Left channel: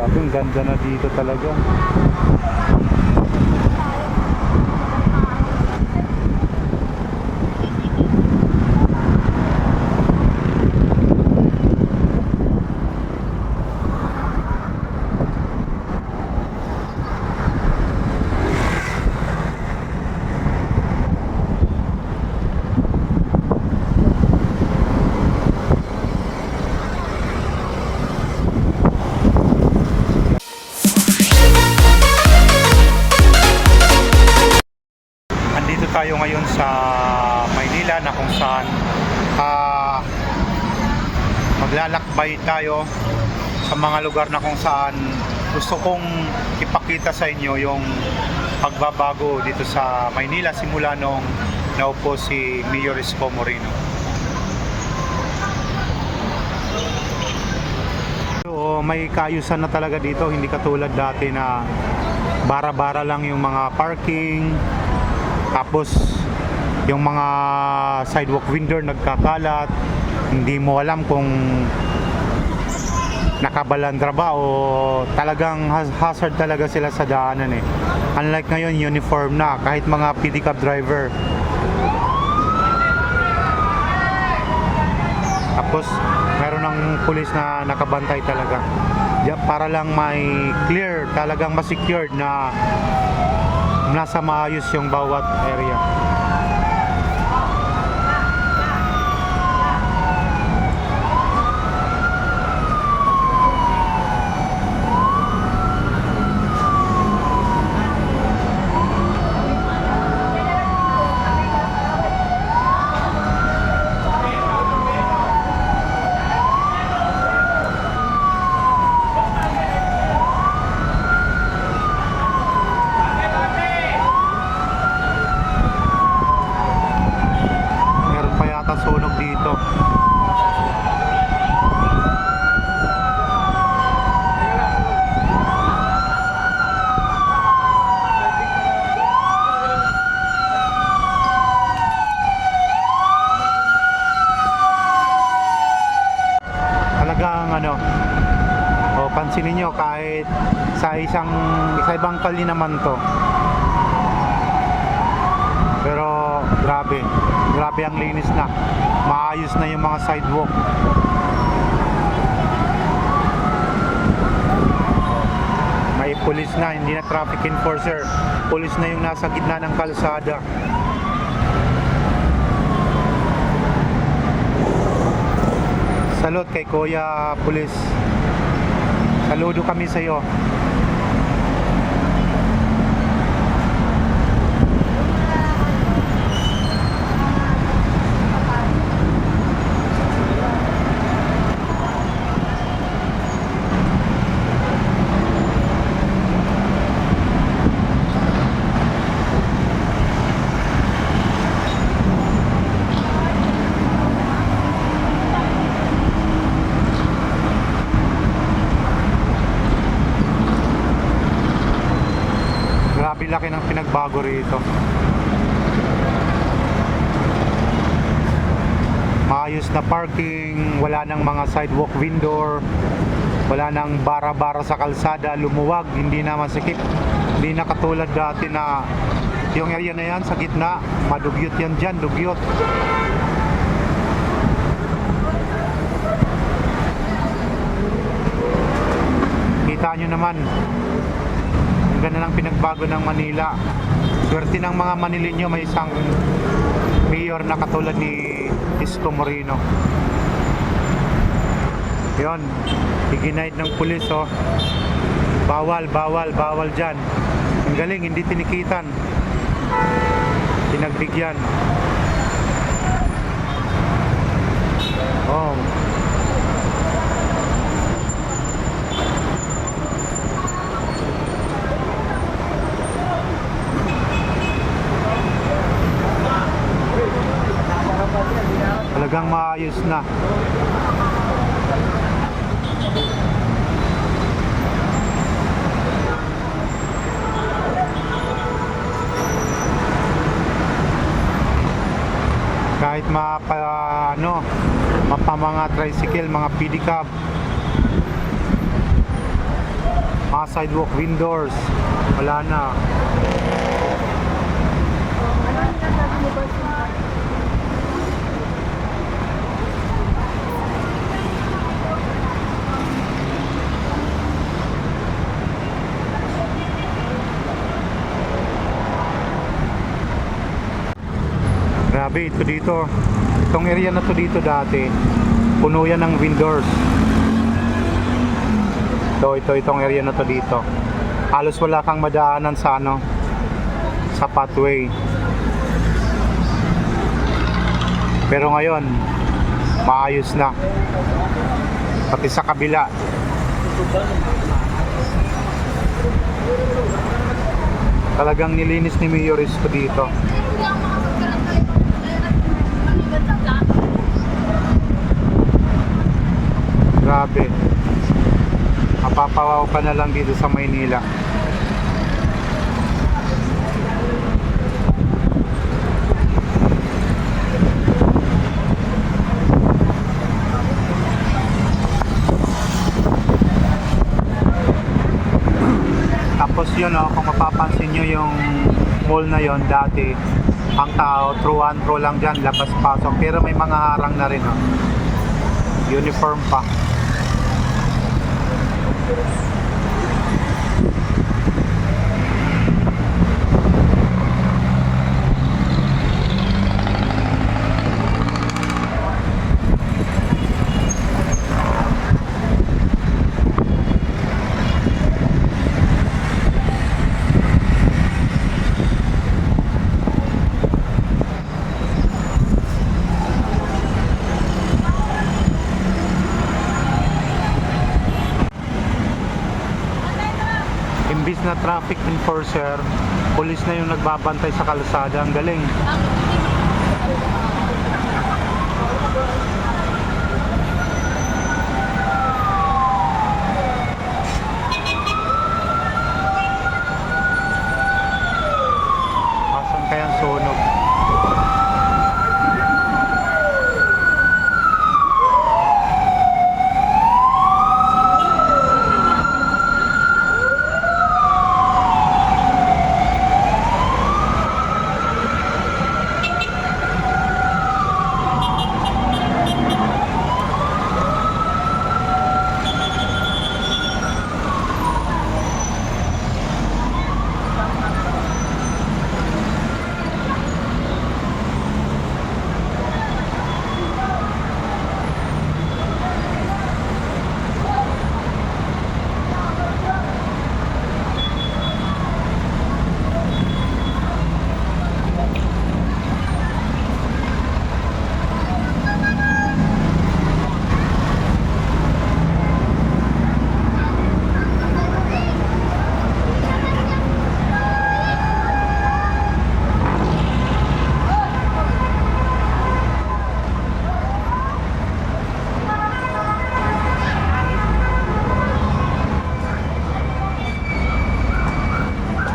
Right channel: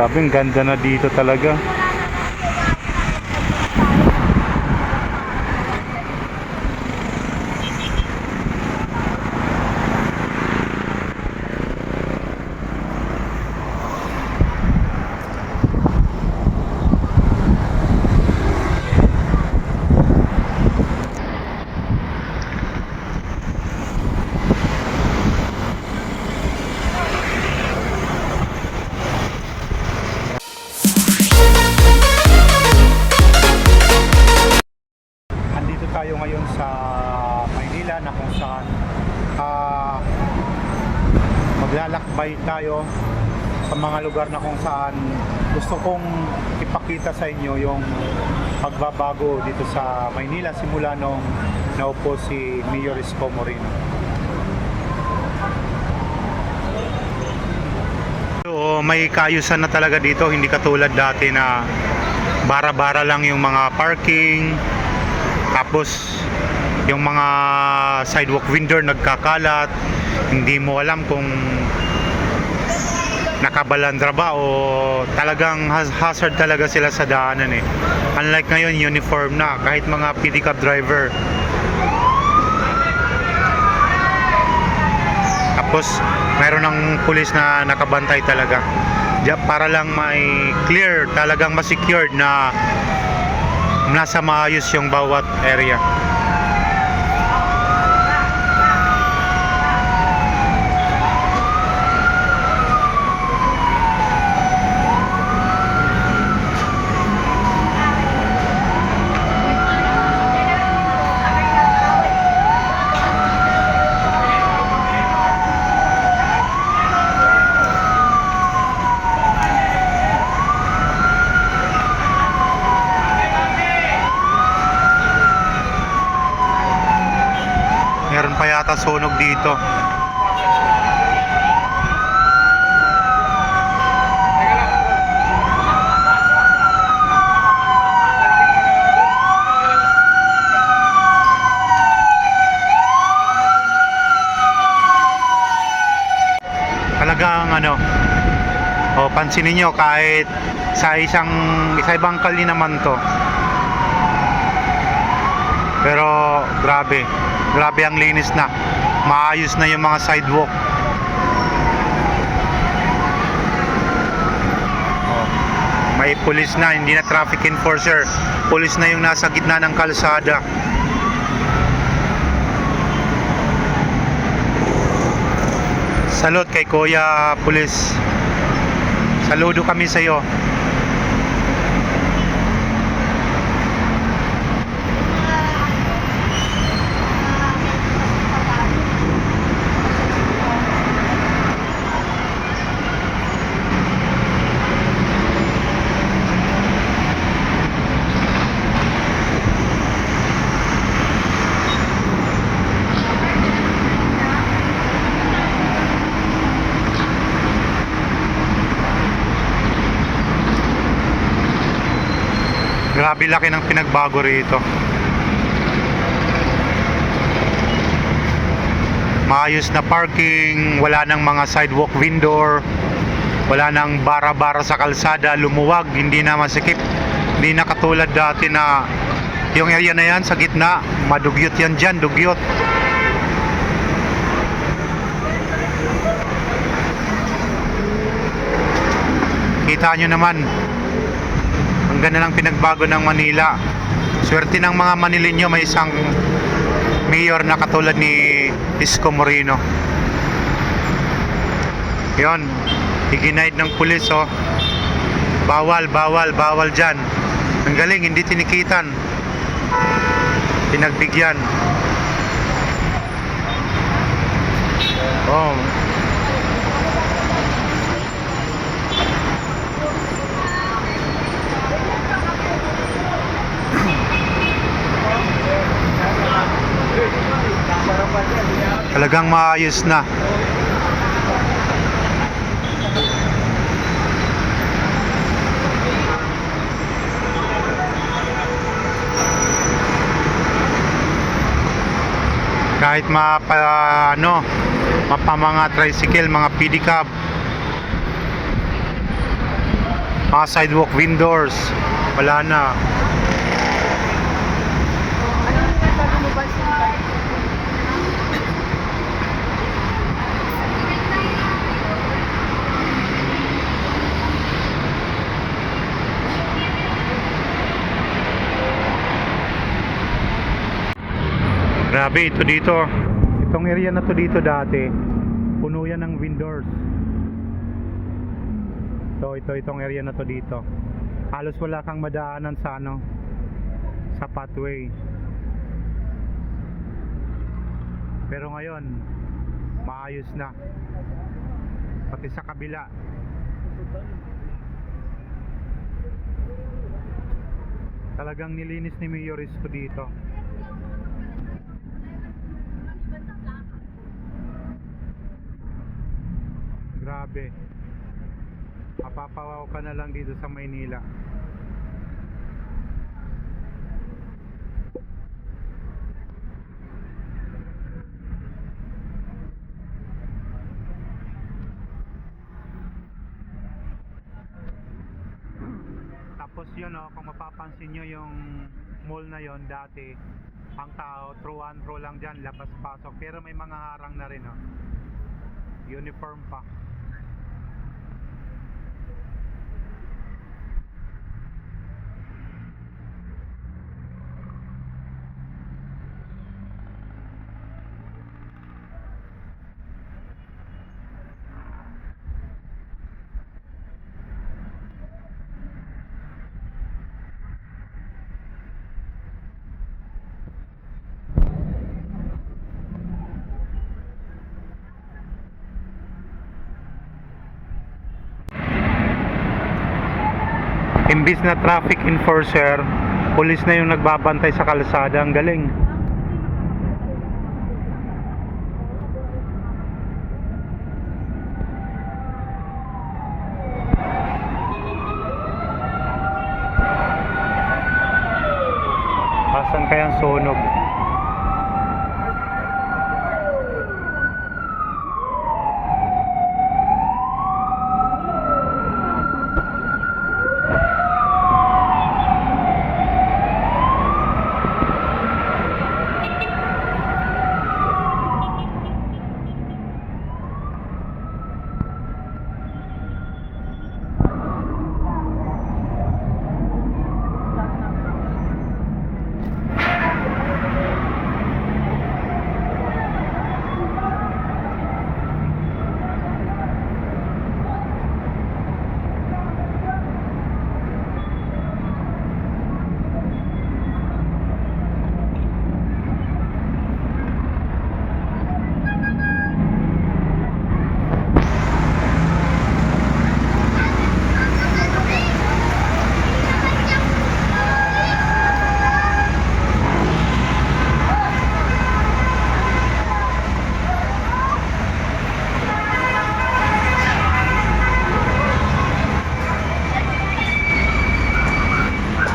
Grabe, ang ganda na dito talaga. Tayo ngayon sa Maynila na kung saan ah, maglalakbay tayo sa mga lugar na kung saan gusto kong ipakita sa inyo yung pagbabago dito sa Maynila simula nung naupo si Mayor Isko Moreno. So, may kaayusan na talaga dito, hindi katulad dati na bara-bara lang yung mga parking, tapos yung mga sidewalk vendor nagkakalat, hindi mo alam kung nakabalandra ba o talagang haz- hazard talaga sila sa daanan eh. Unlike ngayon, uniform na kahit mga pedicab driver. Tapos meron ng pulis na nakabantay talaga. Para lang may clear, talagang ma-secured na nasa maayos yung bawat area. Meron pa yata sunog dito. Talagang ano, o pansinin nyo kahit sa isang isa ibang kali naman to pero grabe, grabe ang linis na. Maayos na yung mga sidewalk. Oh, May pulis na, hindi na traffic enforcer. Pulis na yung nasa gitna ng kalsada. Salute kay Kuya Pulis. Saludo kami sa iyo. Grabe laki ng pinagbago rito. Maayos na parking, wala nang mga sidewalk vendor, wala nang bara-bara sa kalsada, lumuwag, hindi na masikip. Hindi na katulad dati na yung area na yan sa gitna, madugyot yan dyan, dugyot. Kita nyo naman, ng pinagbago ng Manila. Swerte ng mga Manilinyo may isang mayor na katulad ni Isko Moreno. Yon, iginaid ng pulis oh. Bawal, bawal, bawal dyan. Ang galing, hindi tinikitan. Pinagbigyan. Oh, talagang maayos na. kahit mapa ano mapa mga tricycle mga pedicab mga sidewalk vendors. Wala na. Grabe, ito dito. Itong area na to dito dati, puno yan ng vendors. Ito, ito, itong area na to dito. Halos wala kang madaanan sa ano, sa pathway. Pero ngayon, maayos na. Pati sa kabila. Talagang nilinis ni Mayor Isko dito. Grabe. Mapapawaw ka na lang dito sa Maynila. Tapos yun oh, kung mapapansin nyo yung mall na yon dati, ang tao, through and through lang dyan, labas-pasok. Pero may mga harang na rin oh. Uniform pa. Thank you. Imbis na traffic enforcer, pulis na yung nagbabantay sa kalsada. Ang galing. Asan kayang sunog?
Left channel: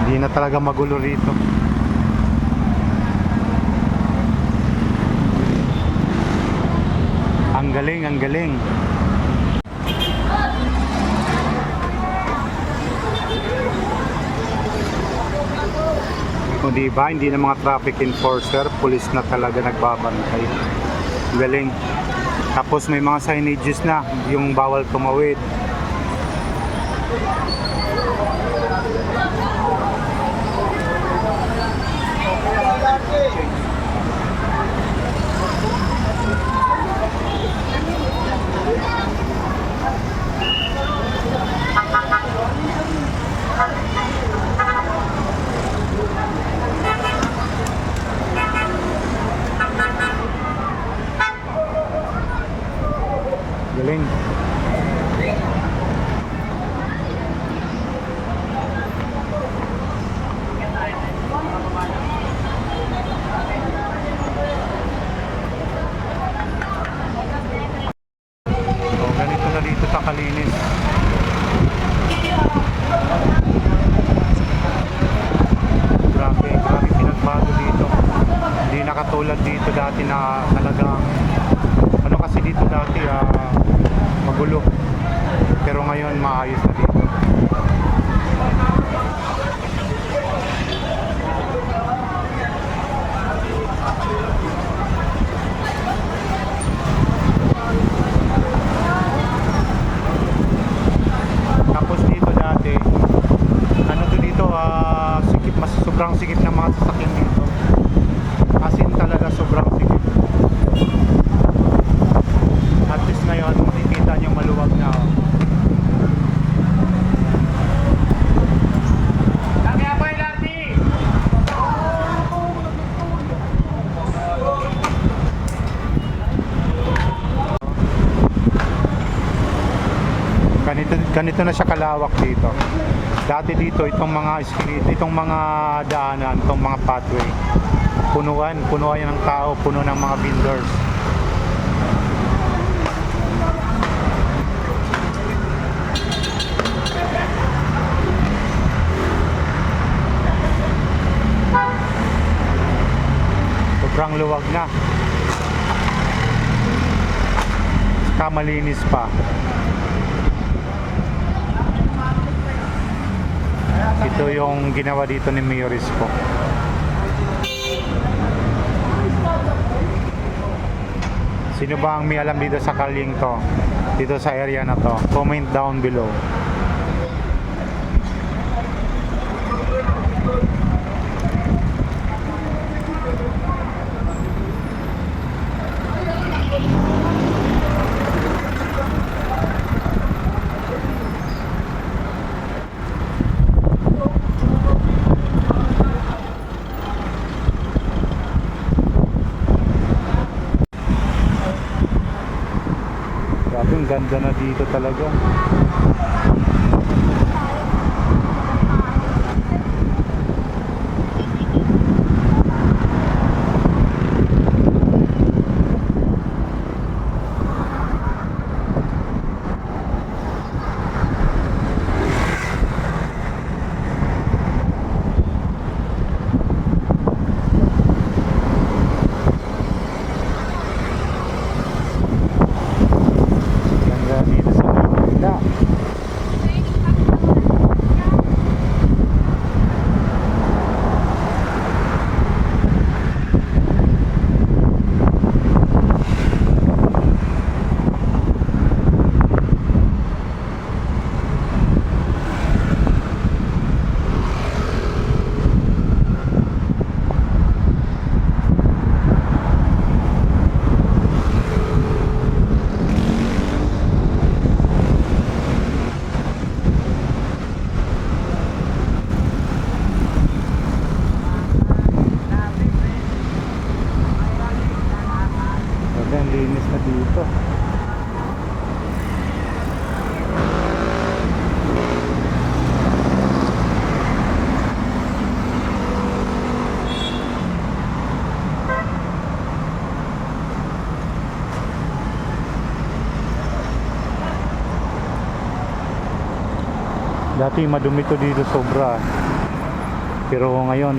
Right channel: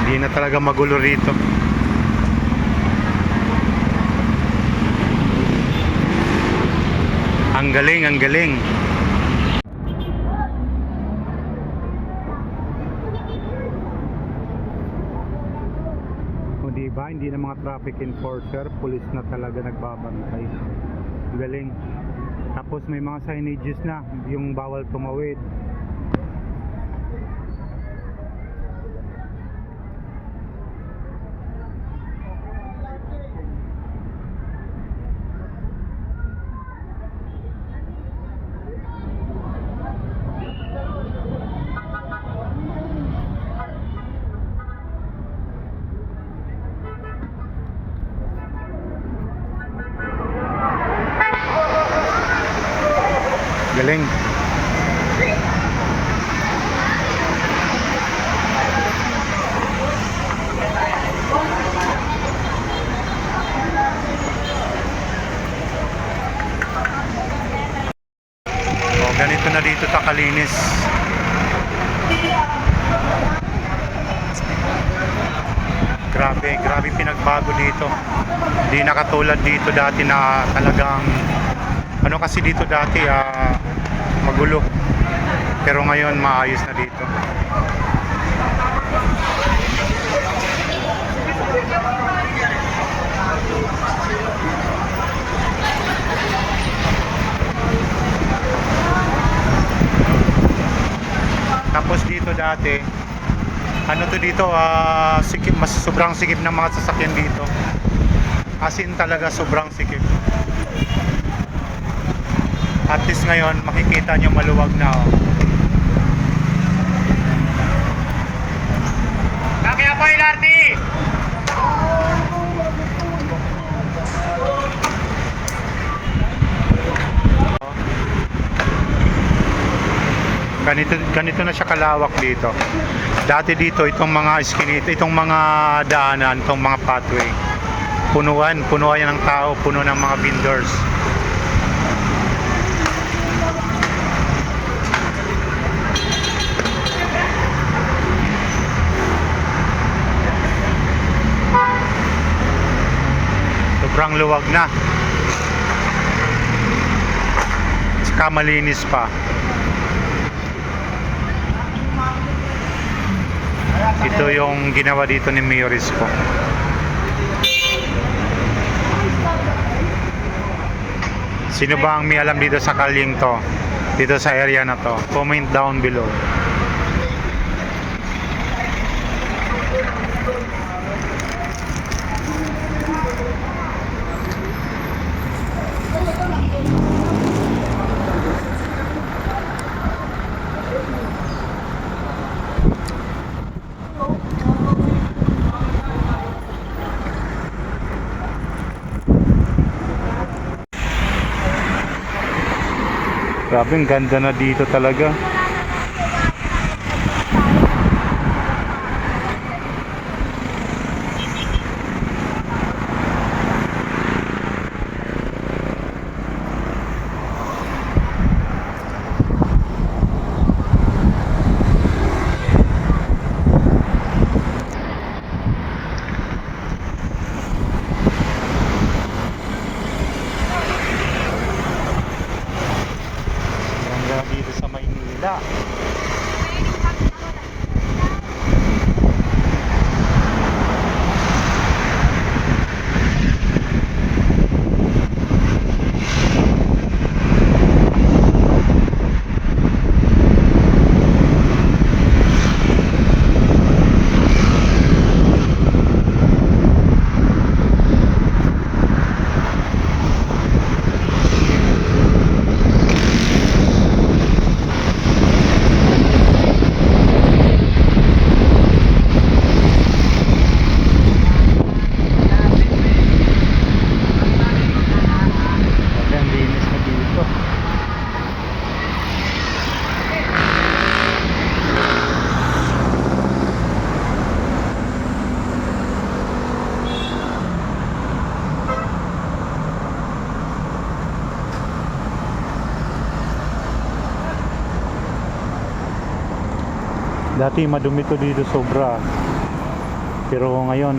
Hindi na talaga magulo rito. Ang galing, ang galing. O di ba, hindi na mga traffic enforcer, pulis na talaga nagbabantay. Galing. Tapos may mga signages na, yung bawal tumawid. Galing. Oh, ganito na dito ta kalinis. Grabe, grabe pinagbago dito. Hindi na katulad dito dati na talagang ano kasi dito dati ah, magulo. Pero ngayon maayos na dito. Tapos dito dati, to dito, ah, sikip, mas sobrang sikip ng mga sasakyan dito. As in talaga sobrang sikip. At least ngayon, makikita nyo maluwag na. Oh. Kaya po Ilardi! Ganito, ganito na siya kalawak dito. Dati dito, itong mga iskinita, itong mga daanan, itong mga pathway. Punuan, punuan yan ng tao, puno ng mga vendors. Sobrang luwag na. Tsaka malinis pa. Ito yung ginawa dito ni Mayor Isko. Sino ba ang may alam dito sa kalyeng to? Dito sa area na to? Comment down below. Grabe, ang ganda na dito talaga. Ganda dito sa Manila. Grabe, ang linis na dito. Dati madumi to dito sobra. Pero ngayon